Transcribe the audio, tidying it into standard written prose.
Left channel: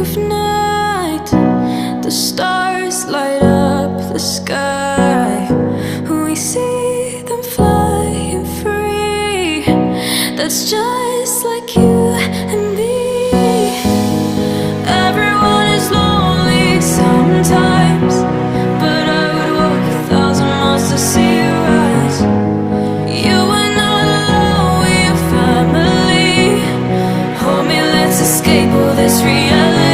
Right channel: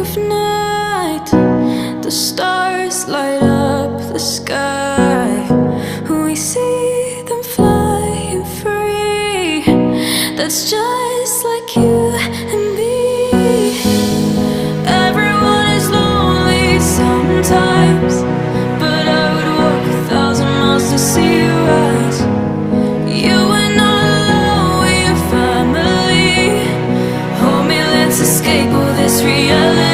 dark of night, the stars light up the sky. We see them flying free. That's just like you and me. Everyone is lonely sometimes, but I would walk 1,000 miles to see you rise. You are not alone, we're family. Hold me, let's escape all this reality.